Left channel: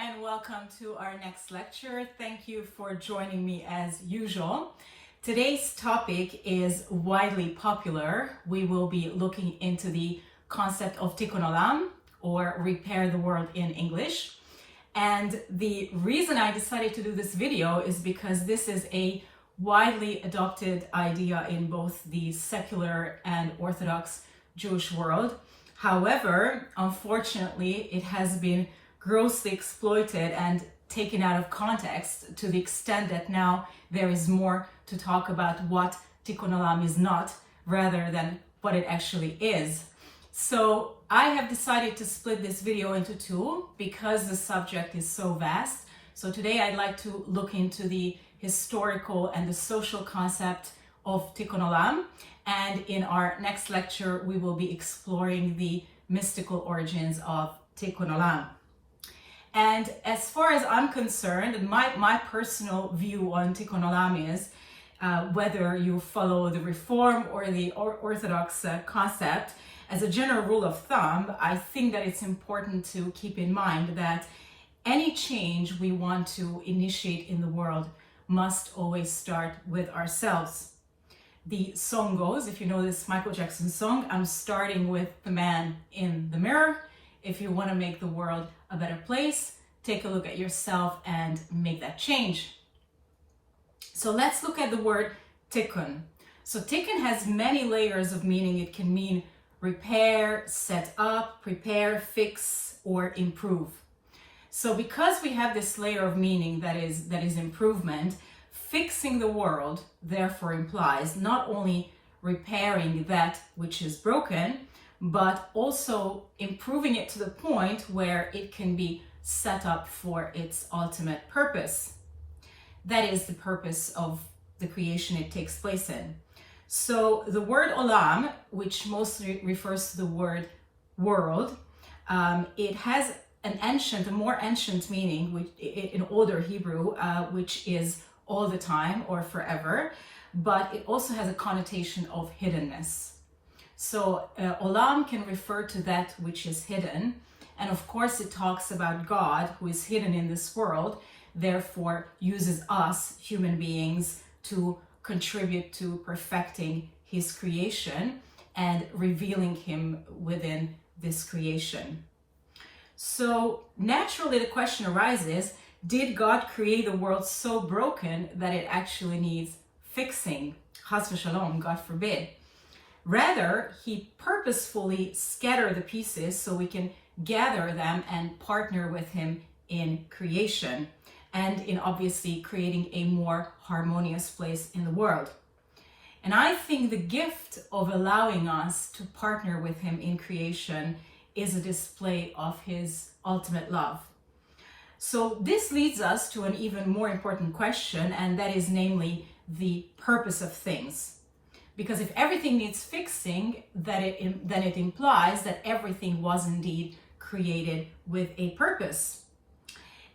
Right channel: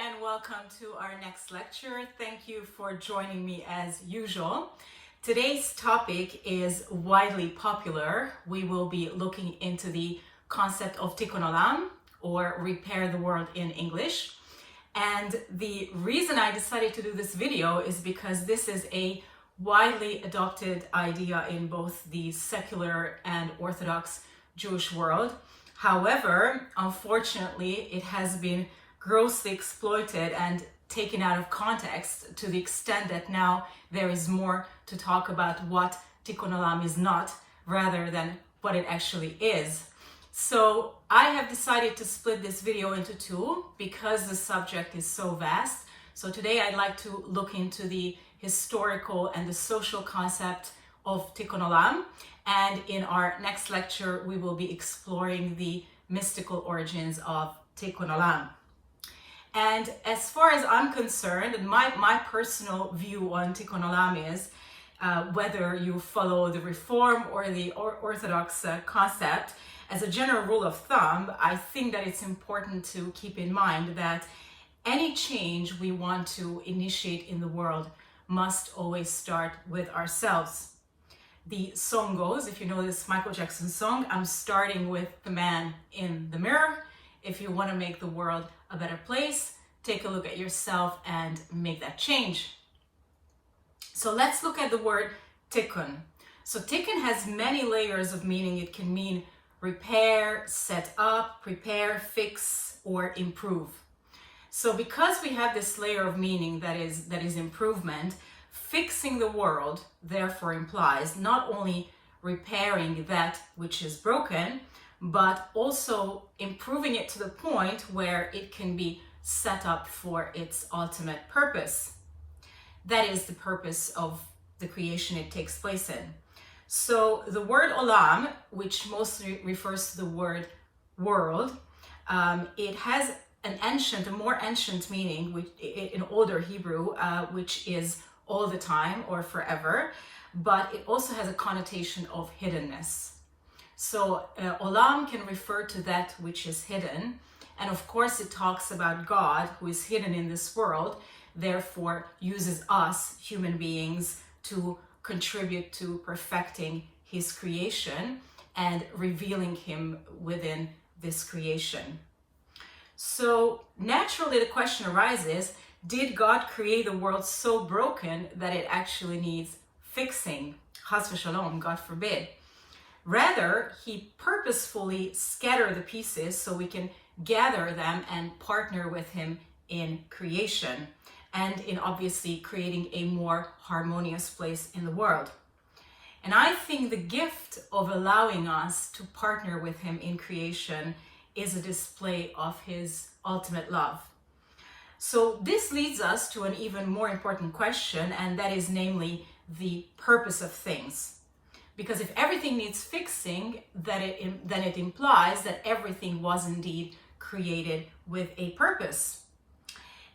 and welcome to our next lecture. Thank you for joining me as usual. Today's topic is widely popular. We will be looking into the concept of tikkun olam, or repair the world in English. And the reason I decided to do this video is because this is a widely adopted idea in both the secular and Orthodox Jewish world. However, unfortunately, it has been grossly exploited and taken out of context to the extent that now there is more to talk about what tikkun olam is not rather than what it actually is. So I have decided to split this video into two because the subject is so vast. So today I'd like to look into the historical and the social concept of tikkun olam, and in our next lecture we will be exploring the mystical origins of tikkun olam. And as far as I'm concerned, and my personal view on tikkun olam is whether you follow the Reform or the Orthodox concept, as a general rule of thumb, I think that it's important to keep in mind that any change we want to initiate in the world must always start with ourselves. The song goes, if you know this Michael Jackson song, I'm starting with the man in the mirror. If you want to make the world a better place, take a look at yourself and make that change. So let's look at the word tikkun. So tikkun has many layers of meaning. It can mean repair, set up, prepare, fix, or improve. So because we have this layer of meaning that is improvement, fixing the world therefore implies not only repairing that which is broken, but also improving it to the point where it can be set up for its ultimate purpose. That is the purpose of the creation it takes place in. So the word olam, which mostly refers to the word world, it has a more ancient meaning, which in older Hebrew, which is all the time or forever, but it also has a connotation of hiddenness. So olam can refer to that which is hidden, and of course it talks about God who is hidden in this world, therefore uses us human beings to contribute to perfecting his creation and revealing him within this creation. So naturally the question arises, did God create the world so broken that it actually needs fixing? Chas v'shalom, God forbid. Rather, he purposefully scattered the pieces so we can gather them and partner with him in creation and in obviously creating a more harmonious place in the world. And I think the gift of allowing us to partner with him in creation is a display of his ultimate love. So this leads us to an even more important question, and that is namely the purpose of things. Because if everything needs fixing, then it implies that everything was indeed created with a purpose.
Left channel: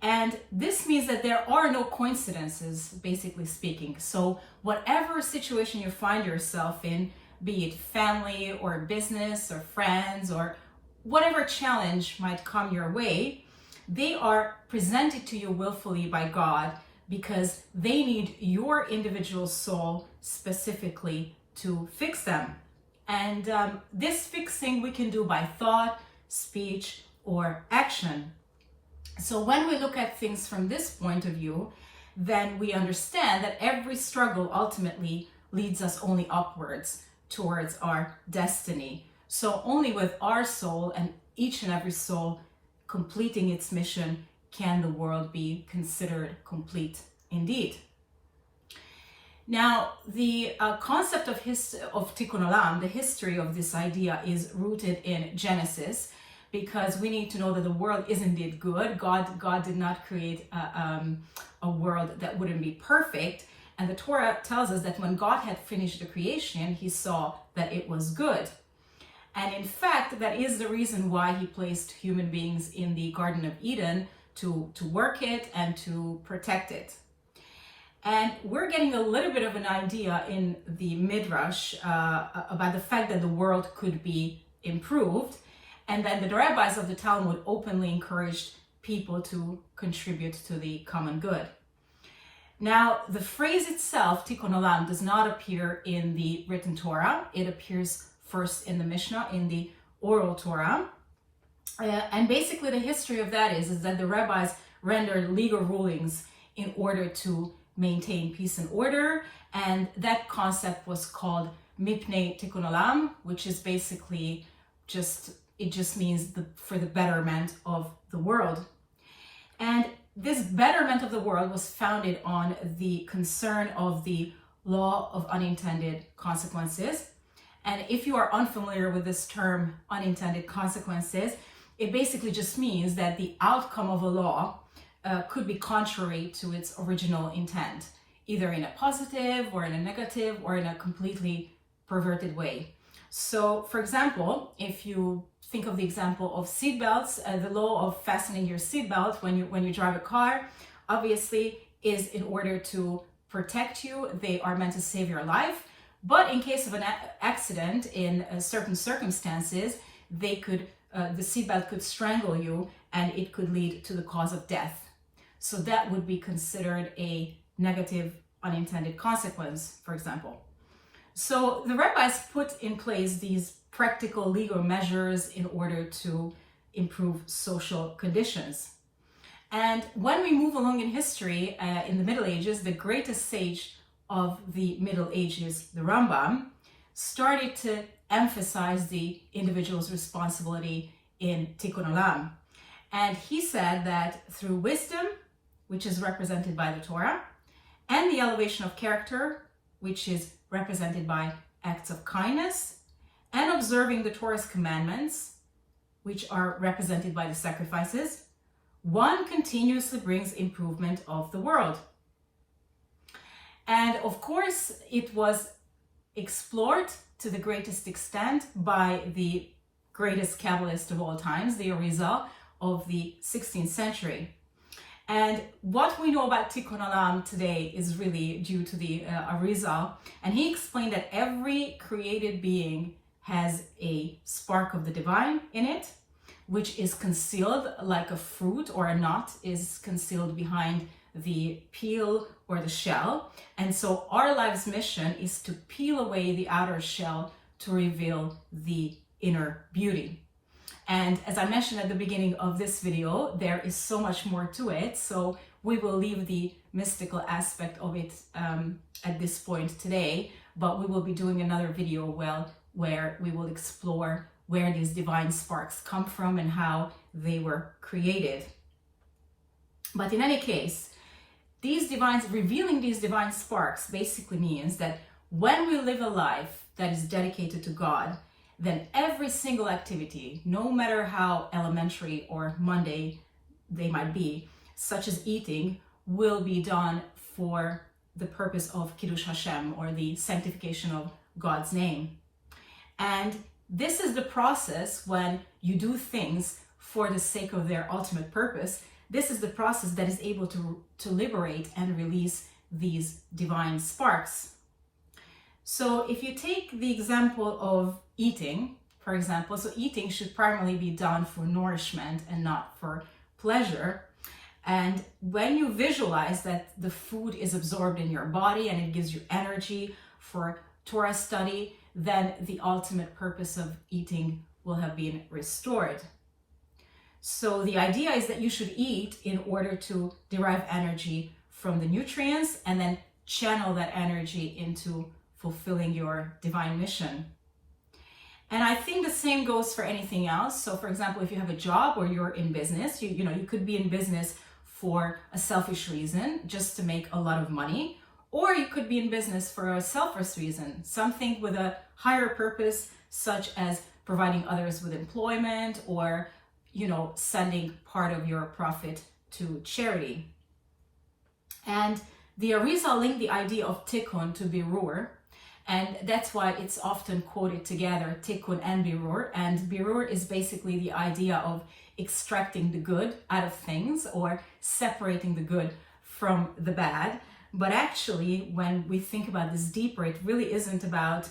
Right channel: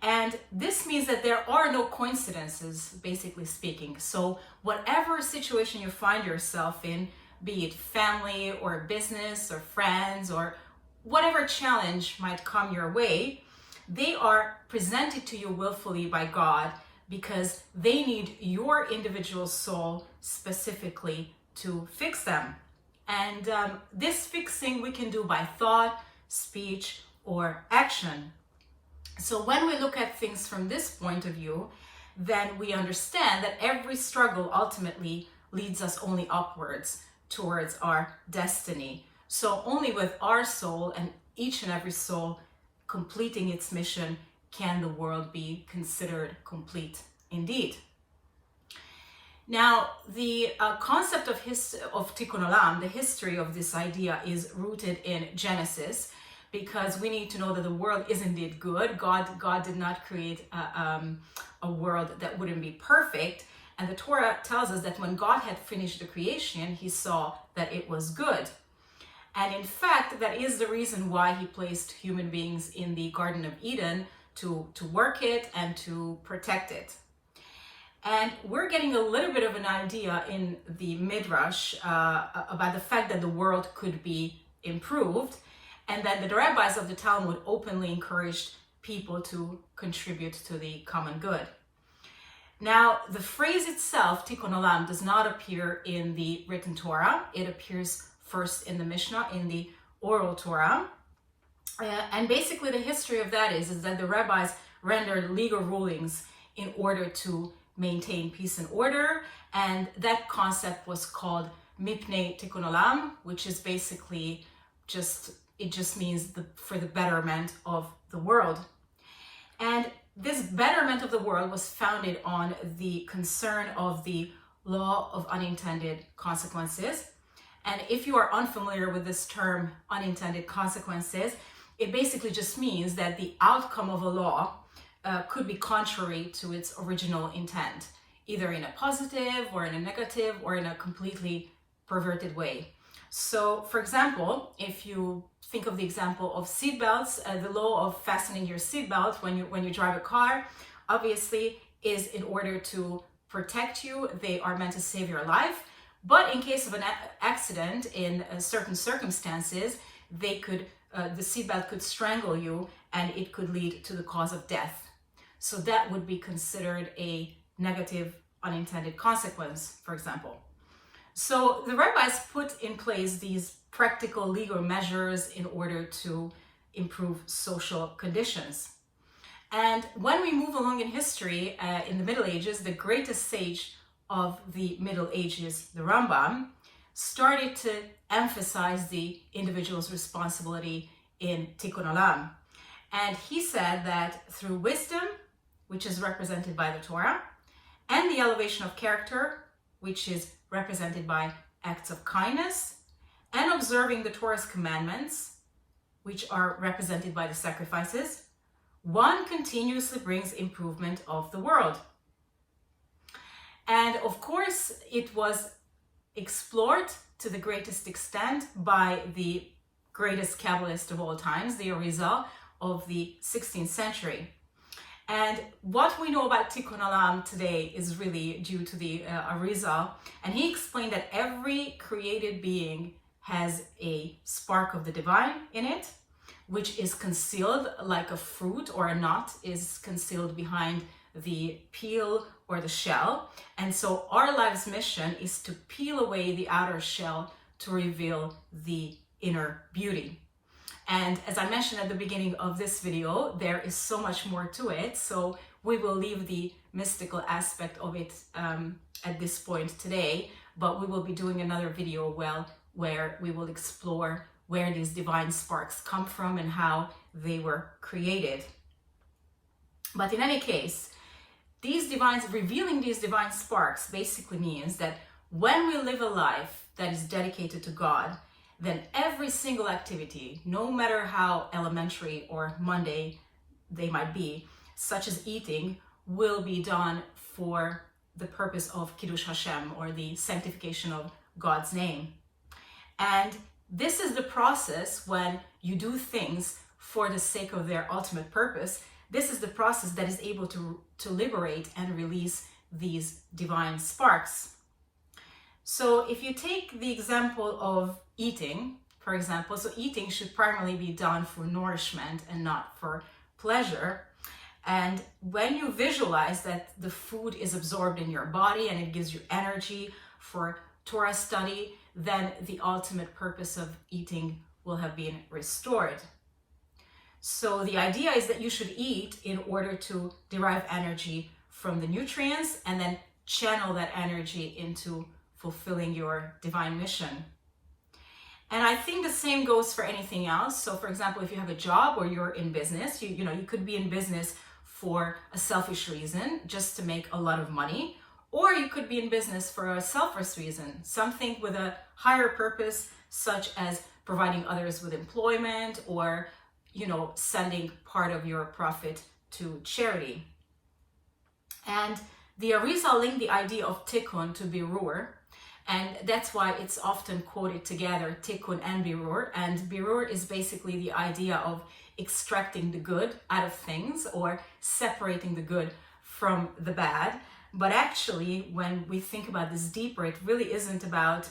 And this means that there are no coincidences, basically speaking. So whatever situation you find yourself in, be it family or business or friends or whatever challenge might come your way, they are presented to you willfully by God because they need your individual soul specifically to fix them. And this fixing we can do by thought, speech, or action. So when we look at things from this point of view, then we understand that every struggle ultimately leads us only upwards towards our destiny. So only with our soul and each and every soul completing its mission can the world be considered complete indeed. Now, the concept of tikkun olam, the history of this idea, is rooted in Genesis, because we need to know that the world is indeed good. God did not create a world that wouldn't be perfect. And the Torah tells us that when God had finished the creation, he saw that it was good. And in fact, that is the reason why he placed human beings in the Garden of Eden to work it and to protect it. And we're getting a little bit of an idea in the Midrash about the fact that the world could be improved, and that the rabbis of the Talmud openly encouraged people to contribute to the common good. Now, the phrase itself, tikkun olam, does not appear in the written Torah. It appears first in the Mishnah, in the oral Torah. And basically the history of that is that the rabbis rendered legal rulings in order to maintain peace and order. And that concept was called mipnei tikkun olam, which is basically it just means for the betterment of the world. And this betterment of the world was founded on the concern of the law of unintended consequences. And if you are unfamiliar with this term, unintended consequences, it basically just means that the outcome of a law could be contrary to its original intent, either in a positive or in a negative or in a completely perverted way. So, for example, if you think of the example of seatbelts, the law of fastening your seatbelt when you drive a car, obviously is in order to protect you. They are meant to save your life. But in case of an accident, in certain circumstances, the seatbelt could strangle you and it could lead to the cause of death. So that would be considered a negative unintended consequence, for example. So the rabbis put in place these practical legal measures in order to improve social conditions. And when we move along in history, in the Middle Ages, the greatest sage of the Middle Ages, the Rambam, started to emphasize the individual's responsibility in tikkun olam. And he said that through wisdom, which is represented by the Torah, and the elevation of character, which is represented by acts of kindness, and observing the Torah's commandments, which are represented by the sacrifices, one continuously brings improvement of the world. And of course, it was explored to the greatest extent by the greatest Kabbalist of all times, the Arizal of the 16th century. And what we know about tikkun olam today is really due to the Arizal. And he explained that every created being has a spark of the divine in it, which is concealed like a fruit or a nut is concealed behind the peel or the shell. And so our life's mission is to peel away the outer shell to reveal the inner beauty. And as I mentioned at the beginning of this video, there is so much more to it. So we will leave the mystical aspect of it at this point today, but we will be doing another video where we will explore where these divine sparks come from and how they were created. But in any case, revealing these divine sparks basically means that when we live a life that is dedicated to God, then every single activity, no matter how elementary or mundane they might be, such as eating, will be done for the purpose of Kiddush Hashem, or the sanctification of God's name. And this is the process when you do things for the sake of their ultimate purpose. This is the process that is able to liberate and release these divine sparks. So if you take the example of eating, for example, so eating should primarily be done for nourishment and not for pleasure. And when you visualize that the food is absorbed in your body and it gives you energy for Torah study, then the ultimate purpose of eating will have been restored. So the idea is that you should eat in order to derive energy from the nutrients and then channel that energy into fulfilling your divine mission. And I think the same goes for anything else. So for example, if you have a job or you're in business, you could be in business for a selfish reason, just to make a lot of money, or you could be in business for a selfless reason, something with a higher purpose, such as providing others with employment, or sending part of your profit to charity. And the Arizal linked the idea of tikkun to birur, and that's why it's often quoted together, tikkun and birur. And birur is basically the idea of extracting the good out of things, or separating the good from the bad. But actually, when we think about this deeper, it really isn't about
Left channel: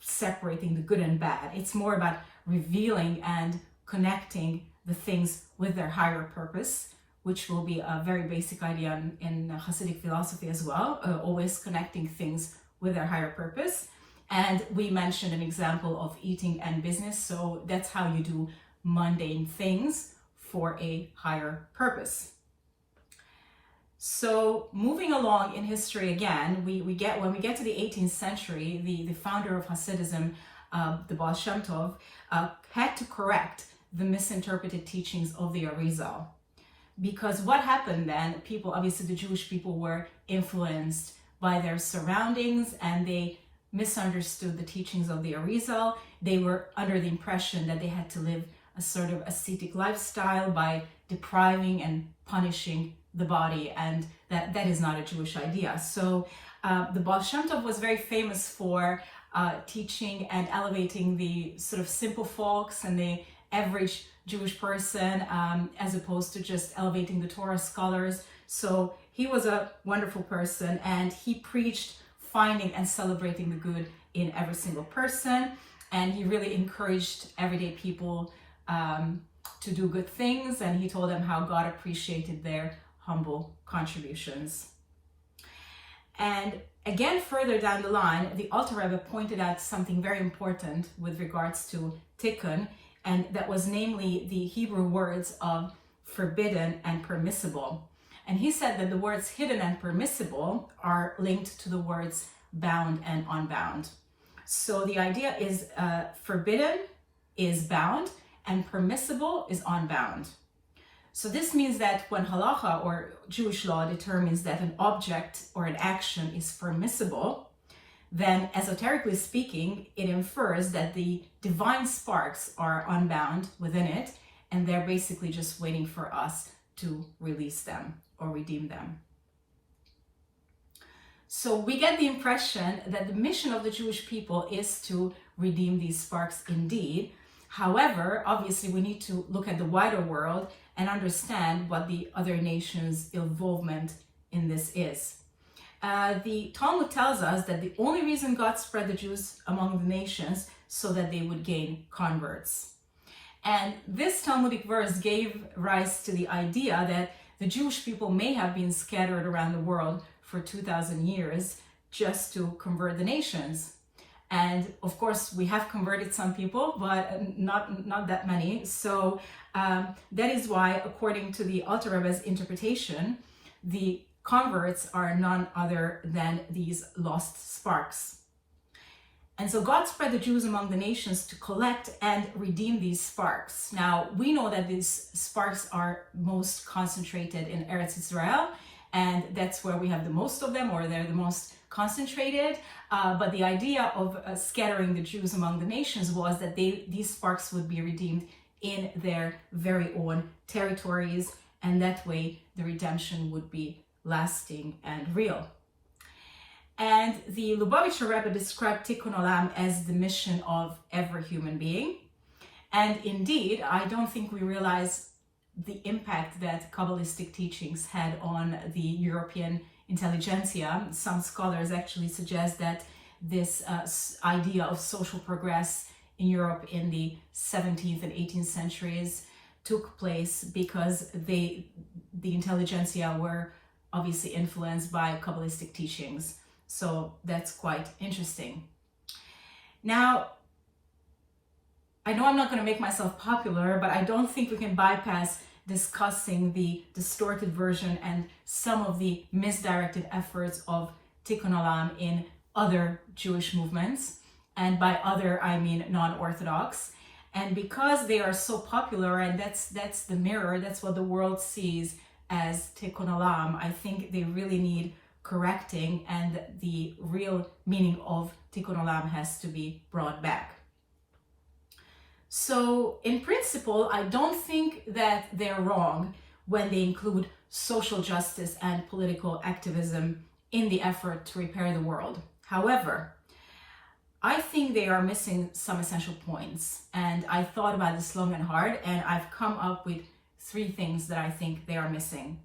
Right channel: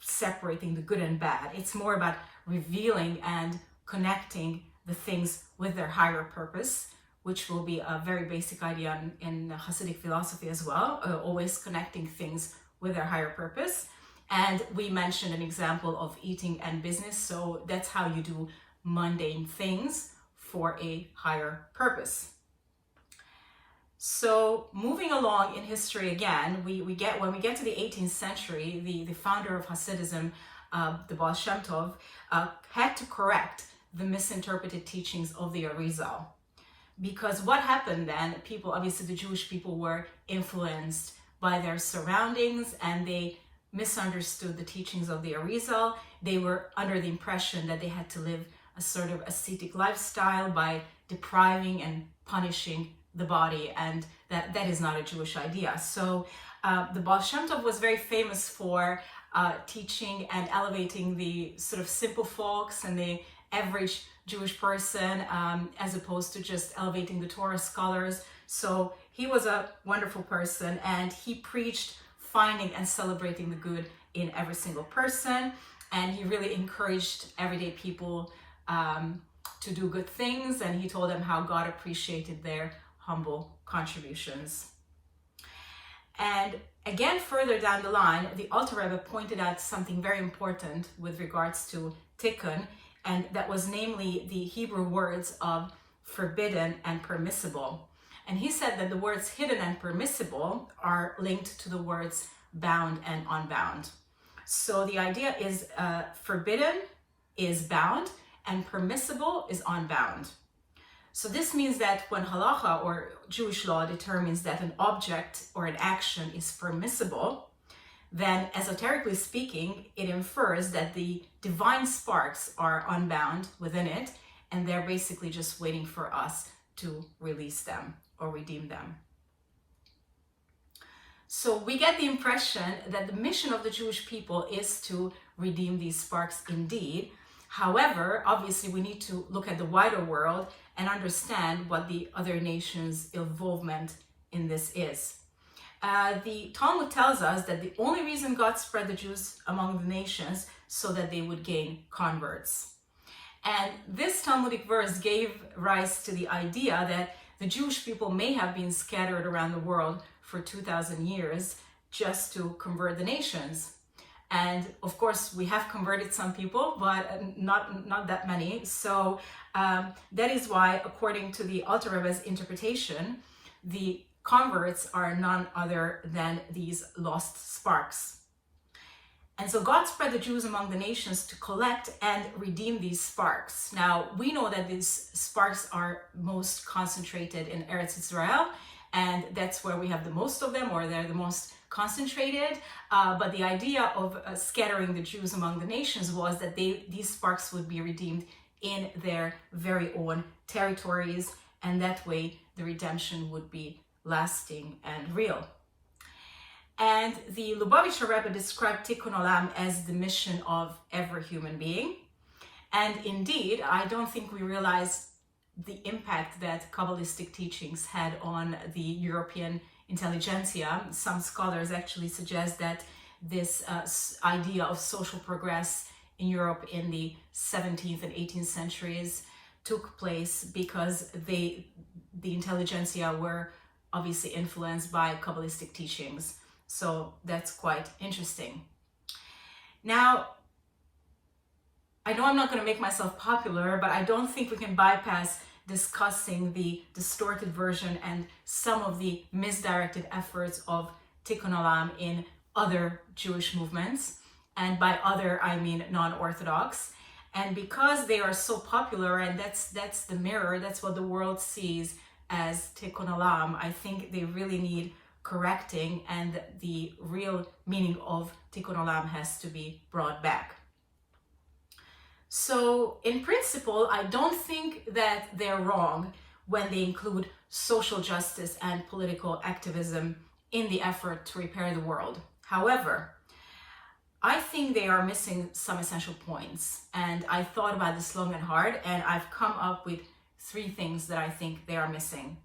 separating the good and bad. It's more about revealing and connecting the things with their higher purpose, which will be a very basic idea in Hasidic philosophy as well, always connecting things with their higher purpose. And we mentioned an example of eating and business, so that's how you do mundane things for a higher purpose. So moving along in history again, when we get to the 18th century, the founder of Hasidism, the Baal Shem Tov, had to correct the misinterpreted teachings of the Arizal. Because what happened then, obviously the Jewish people were influenced by their surroundings and they misunderstood the teachings of the Arizal. They were under the impression that they had to live a sort of ascetic lifestyle by depriving and punishing the body, and that is not a Jewish idea. So the Baal Shem Tov was very famous for teaching and elevating the sort of simple folks and the average Jewish person, as opposed to just elevating the Torah scholars. So he was a wonderful person, and he preached finding and celebrating the good in every single person, and he really encouraged everyday people to do good things, and he told them how God appreciated their humble contributions. And again, further down the line, the Alter Rebbe pointed out something very important with regards to tikkun, and that was namely the Hebrew words of forbidden and permissible. And he said that the words hidden and permissible are linked to the words bound and unbound. So the idea is forbidden is bound and permissible is unbound. So this means that when halacha or Jewish law determines that an object or an action is permissible, then esoterically speaking, it infers that the divine sparks are unbound within it, and they're basically just waiting for us to release them or redeem them. So we get the impression that the mission of the Jewish people is to redeem these sparks indeed. However, obviously we need to look at the wider world and understand what the other nations' involvement in this is. The Talmud tells us that the only reason God spread the Jews among the nations so that they would gain converts. And this Talmudic verse gave rise to the idea that the Jewish people may have been scattered around the world for 2,000 years just to convert the nations. And of course, we have converted some people, but not that many. So that is why, according to the Alter Rebbe's interpretation, the converts are none other than these lost sparks. And so God spread the Jews among the nations to collect and redeem these sparks. Now, we know that these sparks are most concentrated in Eretz Israel, and that's where we have the most of them, or they're the most concentrated. But the idea of scattering the Jews among the nations was that these sparks would be redeemed in their very own territories, and that way the redemption would be lasting and real. And the Lubavitcher Rebbe described tikkun olam as the mission of every human being. And indeed, I don't think we realize the impact that Kabbalistic teachings had on the European intelligentsia. Some scholars actually suggest that this idea of social progress in Europe in the 17th and 18th centuries took place because the intelligentsia were obviously influenced by Kabbalistic teachings. So that's quite interesting. Now, I know I'm not going to make myself popular, but I don't think we can bypass discussing the distorted version and some of the misdirected efforts of tikkun olam in other Jewish movements. And by other, I mean non-Orthodox. And because they are so popular, and that's the mirror, that's what the world sees as tikkun olam, I think they really need correcting, and the real meaning of tikkun olam has to be brought back. So in principle, I don't think that they're wrong when they include social justice and political activism in the effort to repair the world. However, I think they are missing some essential points, and I thought about this long and hard, and I've come up with 3 things that I think they are missing.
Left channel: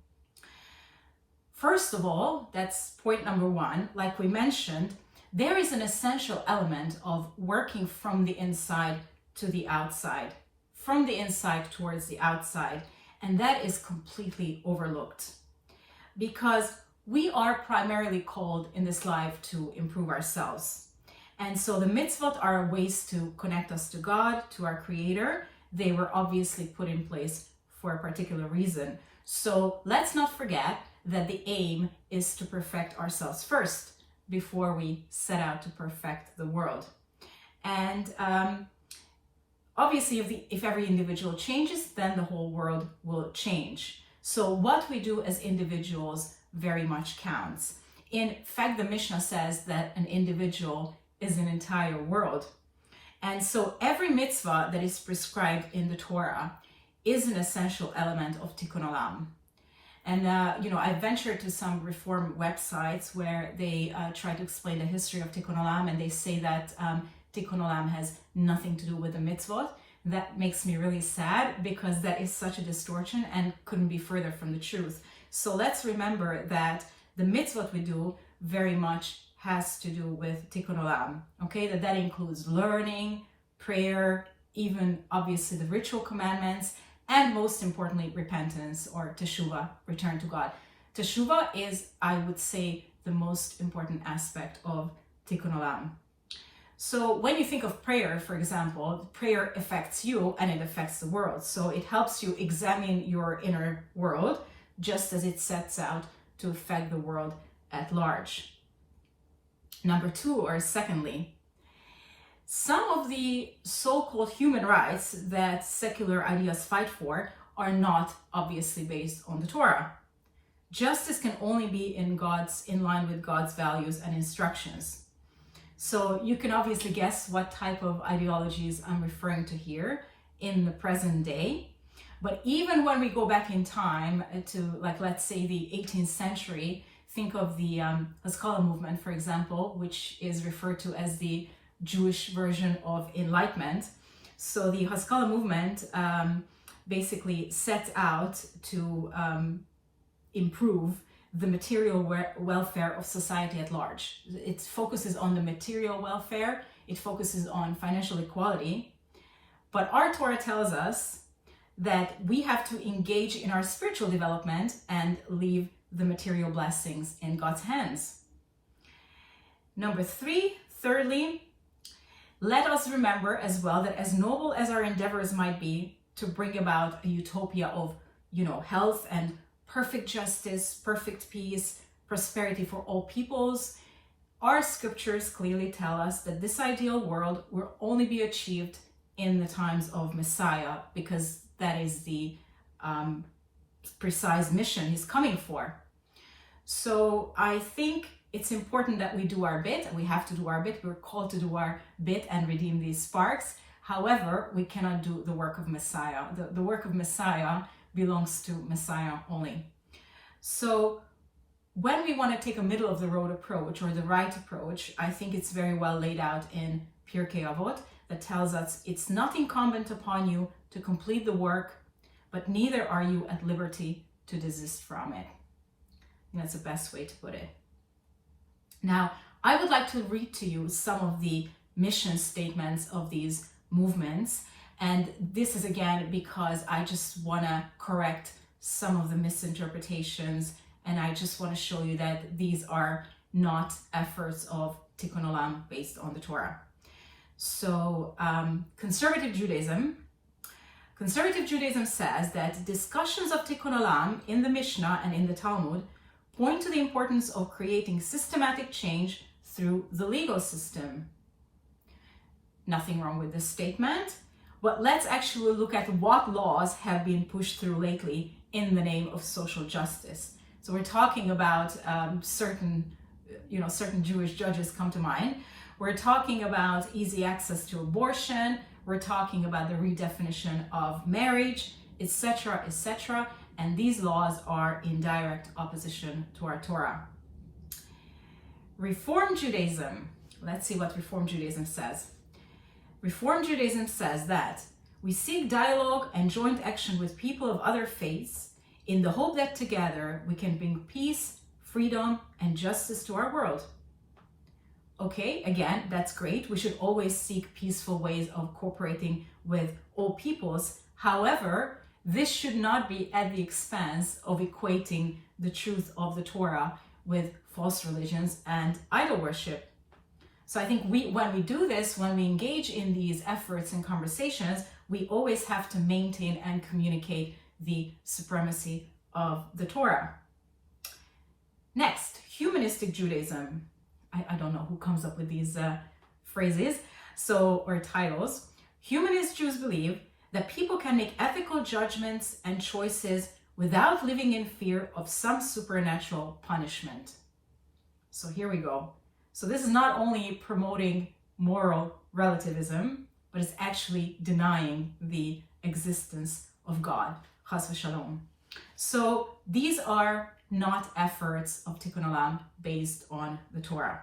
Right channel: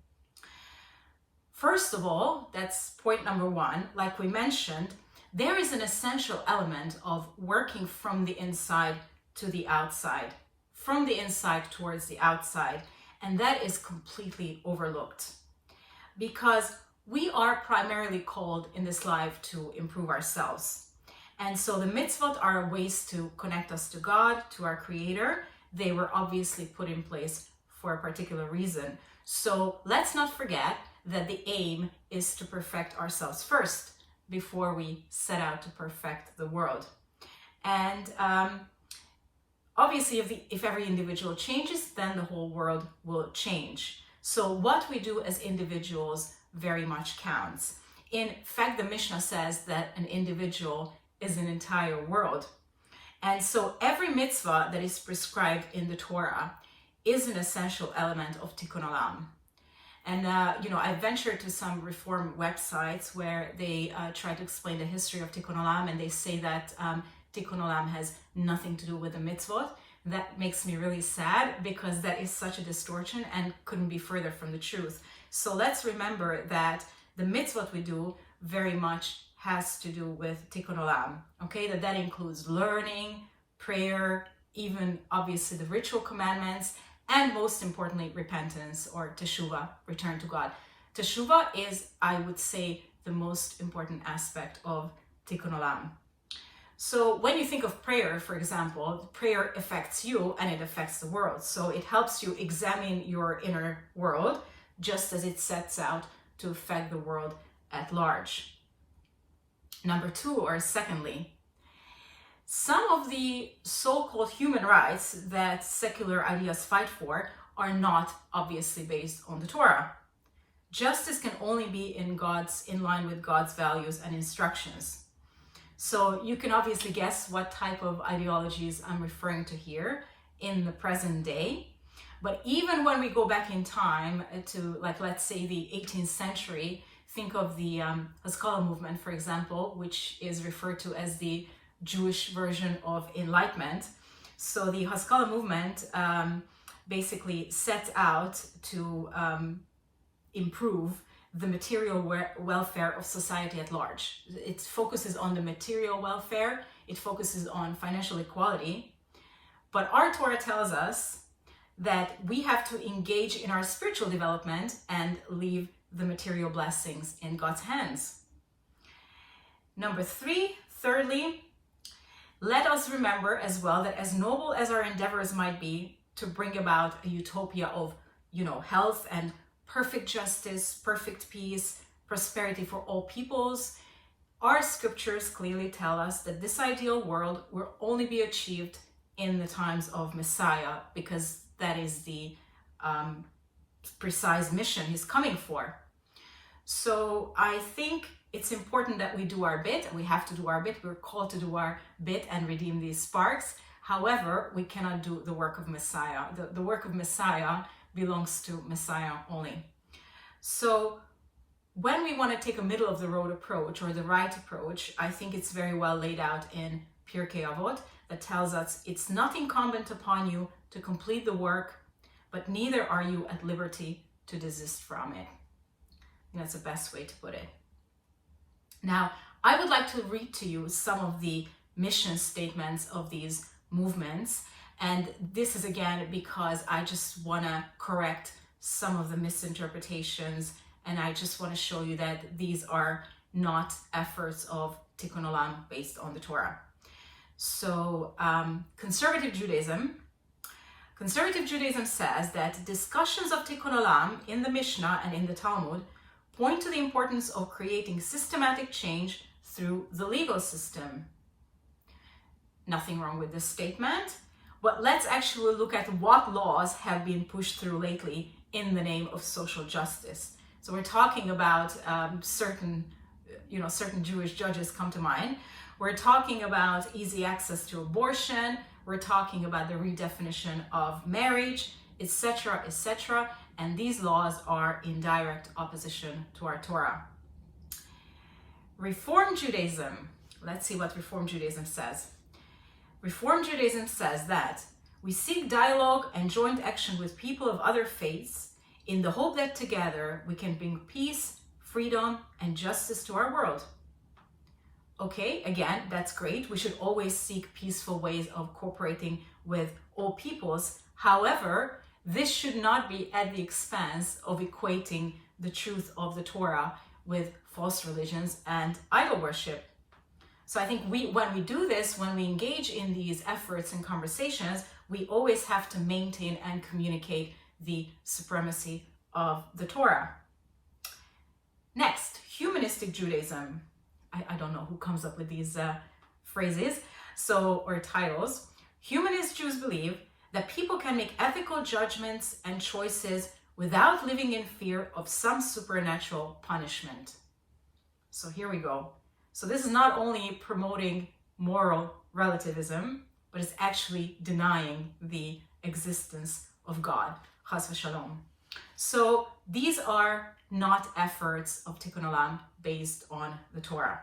First of all, that's point number 1, like we mentioned, there is an essential element of working from the inside to the outside. from the inside towards the outside. And that is completely overlooked, because we are primarily called in this life to improve ourselves. And so the mitzvot are ways to connect us to God, to our Creator. They were obviously put in place for a particular reason. So let's not forget that the aim is to perfect ourselves first before we set out to perfect the world. And obviously, if every individual changes, then the whole world will change. So what we do as individuals very much counts. In fact, the Mishnah says that an individual is an entire world. And so every mitzvah that is prescribed in the Torah is an essential element of tikkun olam. And, I ventured to some reform websites where they try to explain the history of tikkun olam, and they say that tikkun olam has nothing to do with the mitzvot. That makes me really sad, because that is such a distortion and couldn't be further from the truth. So let's remember that the mitzvot we do very much has to do with tikkun olam, okay? That includes learning, prayer, even obviously the ritual commandments, and most importantly, repentance or teshuvah, return to God. Teshuvah is, I would say, the most important aspect of tikkun olam. So when you think of prayer, for example, prayer affects you and it affects the world. So it helps you examine your inner world, just as it sets out to affect the world at large. Number two, or secondly, some of the so-called human rights that secular ideas fight for are not obviously based on the Torah. Justice can only be in line with God's values and instructions. So you can obviously guess what type of ideologies I'm referring to here in the present day. But even when we go back in time to, let's say the 18th century, think of the Haskalah movement, for example, which is referred to as the Jewish version of Enlightenment. So the Haskalah movement basically sets out to improve the material welfare of society at large. It focuses on the material welfare, it focuses on financial equality. But our Torah tells us that we have to engage in our spiritual development and leave the material blessings in God's hands. Number three, thirdly, let us remember as well that as noble as our endeavors might be to bring about a utopia of, health and perfect justice, perfect peace, prosperity for all peoples, our scriptures clearly tell us that this ideal world will only be achieved in the times of Messiah, because that is the precise mission he's coming for. So I think it's important that we do our bit. We have to do our bit. We're called to do our bit and redeem these sparks. However, we cannot do the work of Messiah. The work of Messiah belongs to Messiah only. So when we want to take a middle of the road approach or the right approach, I think it's very well laid out in Pirkei Avot that tells us it's not incumbent upon you to complete the work, but neither are you at liberty to desist from it. And that's the best way to put it. Now, I would like to read to you some of the mission statements of these movements. And this is again because I just want to correct some of the misinterpretations, and I just want to show you that these are not efforts of tikkun olam based on the Torah. So conservative Judaism says that discussions of tikkun olam in the Mishnah and in the Talmud point to the importance of creating systematic change through the legal system. Nothing wrong with this statement, but let's actually look at what laws have been pushed through lately in the name of social justice. So we're talking about certain Jewish judges come to mind. We're talking about easy access to abortion. We're talking about the redefinition of marriage, etc., etc. And these laws are in direct opposition to our Torah. Reform Judaism. Let's see what Reform Judaism says. Reform Judaism says that we seek dialogue and joint action with people of other faiths in the hope that together we can bring peace, freedom, and justice to our world. Okay, again, that's great. We should always seek peaceful ways of cooperating with all peoples. However, this should not be at the expense of equating the truth of the Torah with false religions and idol worship. So I think when we do this, when we engage in these efforts and conversations, we always have to maintain and communicate the supremacy of the Torah. Next, humanistic Judaism. I don't know who comes up with these phrases or titles. Humanist Jews believe that people can make ethical judgments and choices without living in fear of some supernatural punishment. So here we go. So this is not only promoting moral relativism, but it's actually denying the existence of God. Chas v'shalom. So these are not efforts of tikkun olam based on the Torah.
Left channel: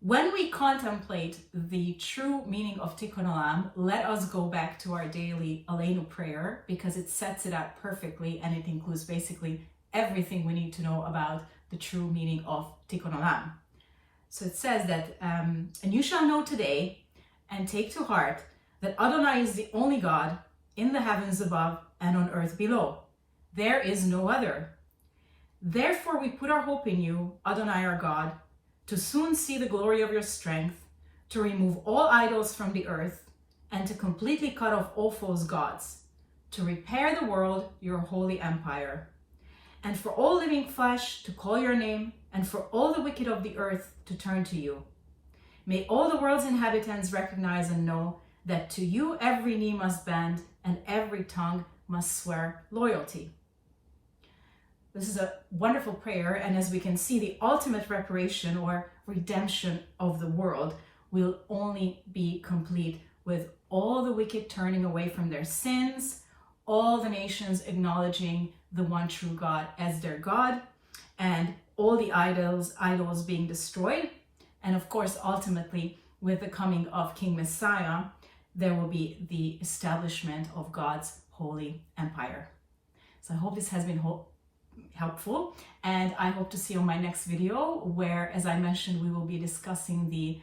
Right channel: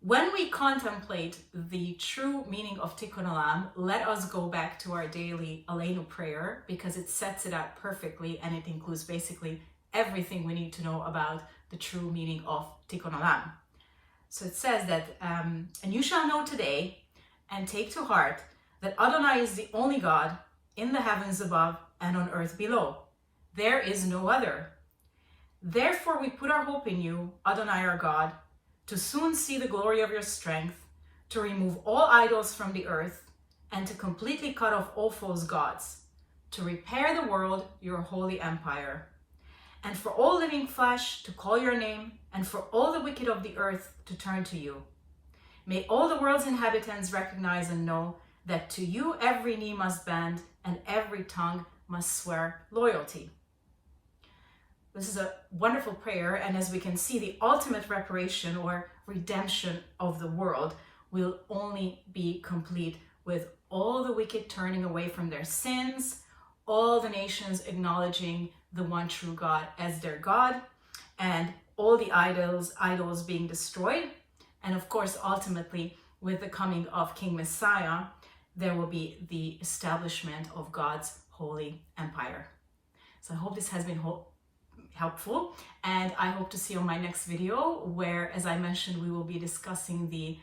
When we contemplate the true meaning of tikkun olam, let us go back to our daily Aleinu prayer, because it sets it up perfectly and it includes basically everything we need to know about the true meaning of tikkun olam. So it says that, and you shall know today and take to heart that Adonai is the only God in the heavens above and on earth below. There is no other. Therefore we put our hope in you, Adonai our God, to soon see the glory of your strength, to remove all idols from the earth, and to completely cut off all false gods, to repair the world, your holy empire, and for all living flesh to call your name, and for all the wicked of the earth to turn to you. May all the world's inhabitants recognize and know that to you every knee must bend and every tongue must swear loyalty. This is a wonderful prayer, and as we can see, the ultimate reparation or redemption of the world will only be complete with all the wicked turning away from their sins, all the nations acknowledging the one true God as their God, and all the idols being destroyed. And of course, ultimately, with the coming of King Messiah, there will be the establishment of God's holy empire. So I hope this has been helpful, and I hope to see you on my next video, where, as I mentioned, we will be discussing the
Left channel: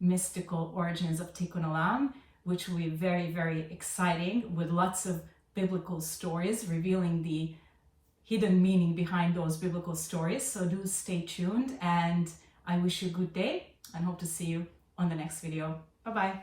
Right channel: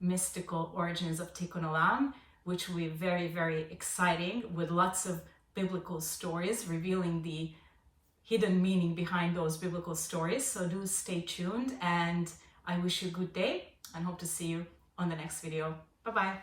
mystical origins of tikkun olam, which will be very, very exciting, with lots of biblical stories revealing the hidden meaning behind those biblical stories. So do stay tuned, and I wish you a good day and hope to see you on the next video. Bye-bye.